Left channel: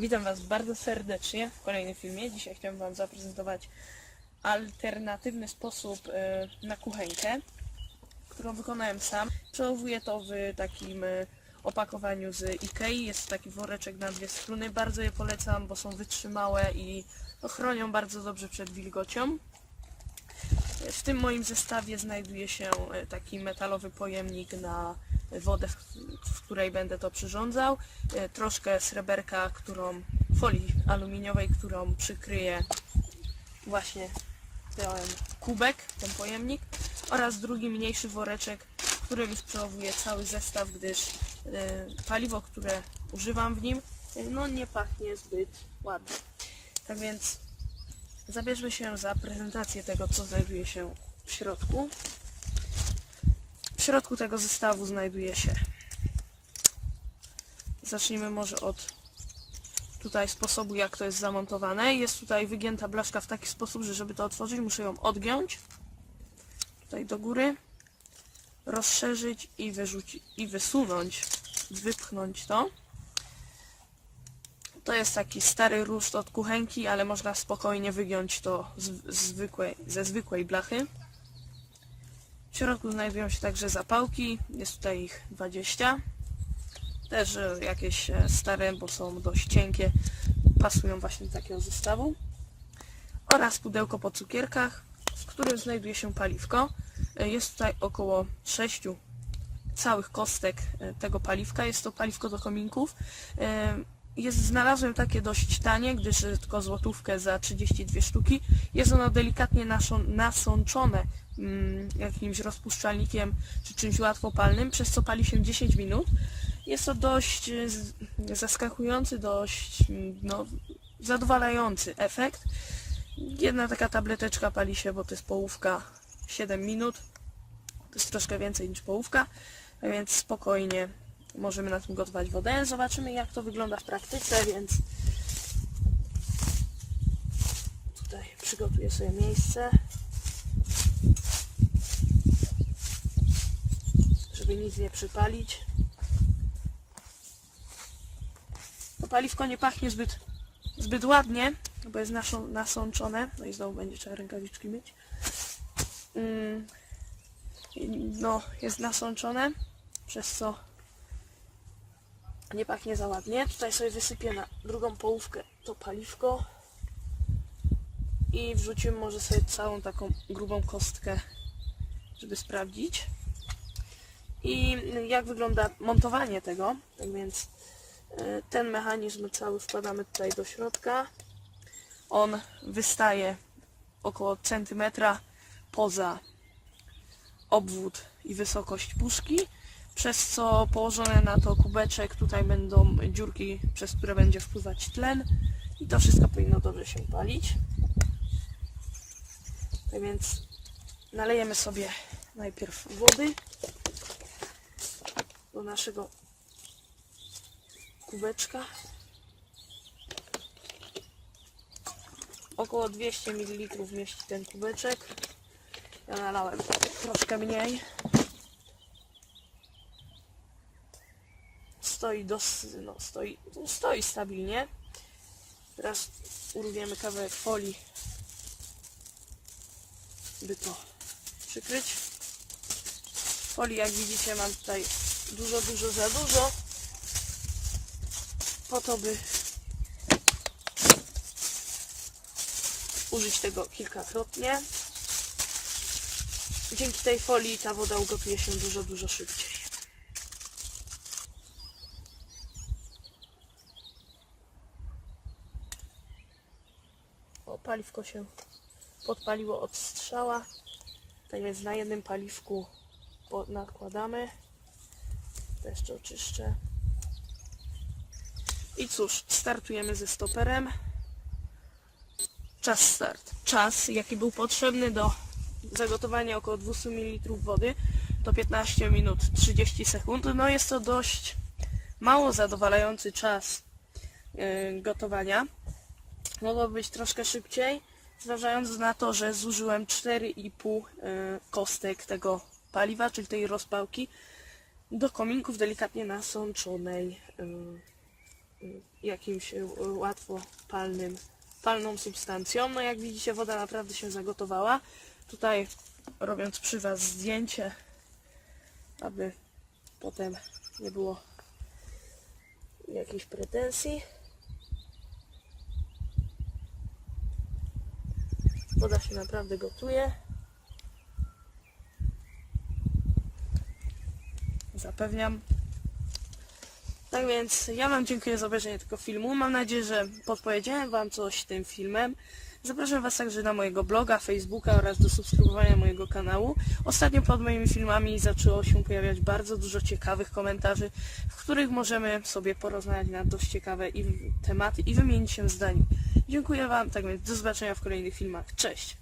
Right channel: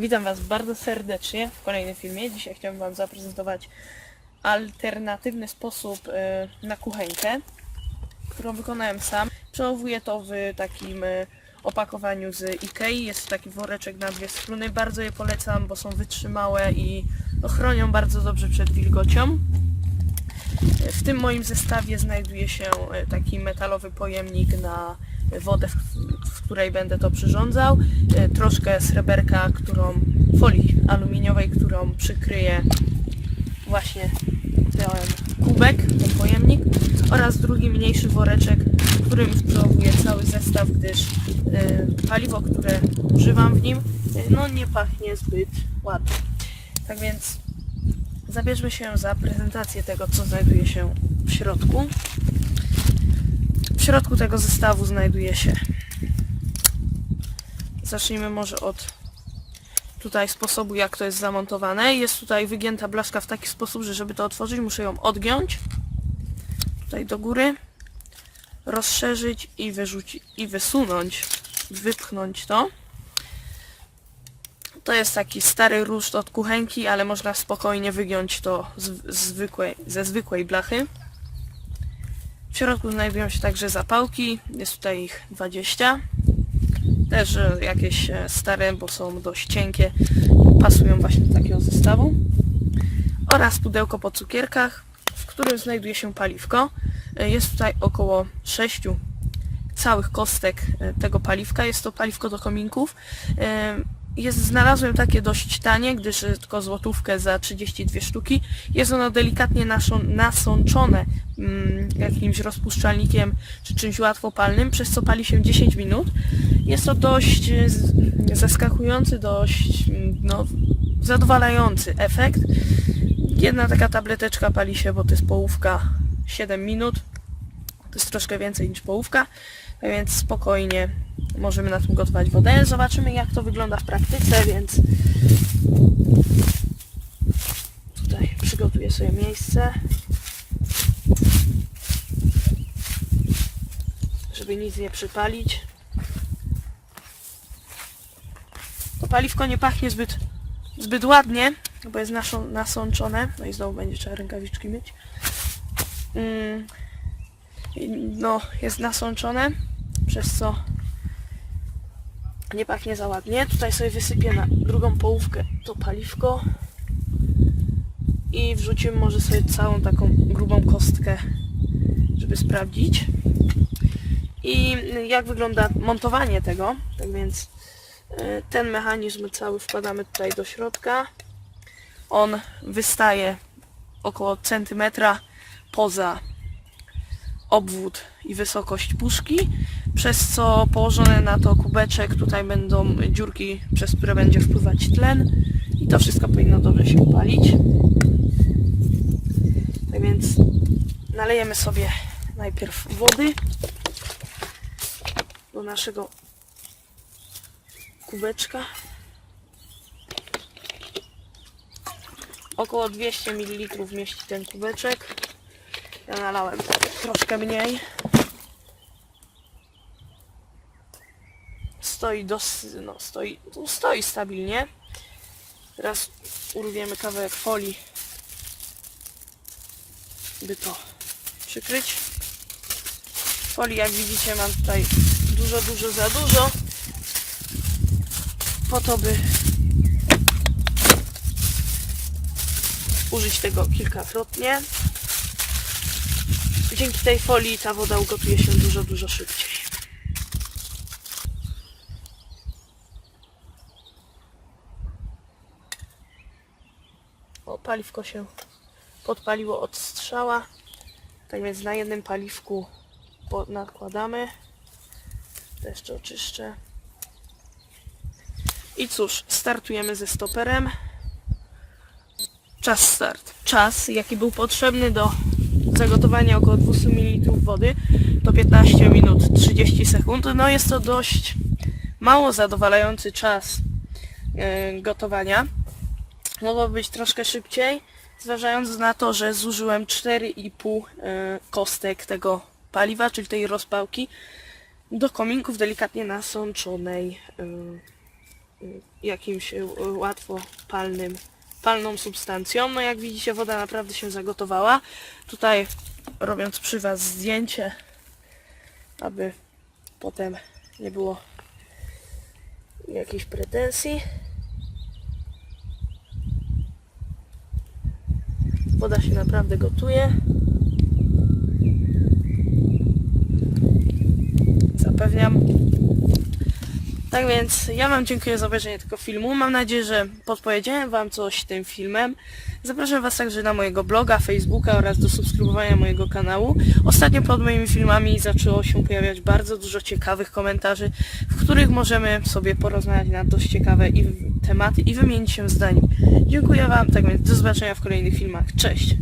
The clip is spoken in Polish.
Witam Was bardzo serdecznie w kolejnym filmie. Dzisiaj chciałbym Wam zaprezentować alternatywny sposób e, na kuchenkę, którą wykonałem sam. Przechowuję to w takim e, opakowaniu z Ikei. Jest to taki woreczek na dwie struny. Bardzo je polecam, bo są wytrzymałe i no, chronią bardzo dobrze przed wilgocią. E, W tym moim zestawie znajduje się taki metalowy pojemnik na wodę, w, której będę to przyrządzał, e, troszkę sreberka, którą folii aluminiowej, którą przykryję właśnie ten kubek, ten pojemnik oraz drugi mniejszy woreczek, w którym sprawuję cały zestaw, gdyż e, paliwo, które używam w nim, e, no nie pachnie zbyt ładnie. Tak więc zabierzmy się za prezentację tego, co znajduje się w środku. W środku tego zestawu znajduje się. Zacznijmy może od tutaj sposobu, jak to jest zamontowane. Jest tutaj wygięta blaszka w taki sposób, że żeby to otworzyć, muszę ją odgiąć. Tutaj do góry. Rozszerzyć i wyrzucić i wysunąć, wypchnąć to. To jest taki stary ruszt od kuchenki, ale można spokojnie wygiąć to z zwykłej, ze zwykłej blachy. W środku znajdują się także zapałki, jest tutaj ich 20. Też e, jakieś e, stare, bo są dość cienkie, pasują właśnie do takiego zestawu. Oraz pudełko po cukierkach, w którym znajduje się paliwko. E, Jest tutaj około 6 całych kostek tego paliwka. Jest to paliwko do kominków. Jest, znalazłem takie dość tanie, gdyż e, tylko złotówkę za 32 sztuki. Jest ono delikatnie naszą- nasączone mm, jakimś rozpuszczalnikiem czy czymś łatwopalnym, przez co pali się 10 minut. Jest to dość e, zaskakujący, dość mm, no, zadowalający efekt. Jedna taka tableteczka pali się, bo to jest połówka 7 minut. To jest troszkę więcej niż połówka, więc spokojnie możemy na tym gotować wodę. Zobaczymy jak to wygląda w praktyce, więc tutaj przygotuję sobie miejsce, żeby nic nie przypalić. To paliwko nie pachnie zbyt, zbyt ładnie, bo jest nasączone. No i znowu będzie trzeba rękawiczki mieć. Mm, no, jest nasączone, przez co nie pachnie za ładnie. Tutaj sobie wysypię na drugą połówkę to paliwko i wrzucimy może sobie całą taką grubą kostkę, żeby sprawdzić. I jak wygląda montowanie tego, tak więc y, ten mechanizm cały wkładamy tutaj do środka. On wystaje około centymetra poza obwód i wysokość puszki, przez co położone na to kubeczek tutaj będą dziurki, przez które będzie wpływać tlen i to wszystko powinno dobrze się palić. Tak więc nalejemy sobie najpierw wody do naszego kubeczka. Około 200 ml mieści ten kubeczek. Ja nalałem troszkę mniej. Stoi dos, no stoi, no stoi stabilnie. Teraz urwiemy kawałek folii, by to przykryć. Folii, jak widzicie, mam tutaj dużo, dużo za dużo. Po to, by użyć tego kilkakrotnie. Dzięki tej folii ta woda ugotuje się dużo, dużo szybciej. O, paliwko się podpaliło od strzała. Tak więc na jednym paliwku nakładamy. To jeszcze oczyszczę. I cóż, startujemy ze stoperem. Czas start. Czas, jaki był potrzebny do zagotowania około 200 ml wody, to 15 minut 30 sekund. No jest to dość mało zadowalający czas e, gotowania. Mogło być troszkę szybciej, zważając na to, że zużyłem 4,5 e, kostek tego paliwa, czyli tej rozpałki, do kominków delikatnie nasączonej. e, mm, jakimś łatwo palnym, palną substancją. No jak widzicie woda naprawdę się zagotowała. Tutaj robiąc przy Was zdjęcie, aby potem nie było jakichś pretensji. Woda się naprawdę gotuje. Zapewniam. Tak więc ja Wam dziękuję za obejrzenie tego filmu. Mam nadzieję, że podpowiedziałem Wam coś tym filmem. Zapraszam Was także na mojego bloga, Facebooka oraz do subskrybowania mojego kanału. Ostatnio pod moimi filmami zaczęło się pojawiać bardzo dużo ciekawych komentarzy, w których możemy sobie porozmawiać na dość ciekawe tematy i wymienić się zdaniami. Dziękuję Wam, tak więc do zobaczenia w kolejnych filmach. Cześć!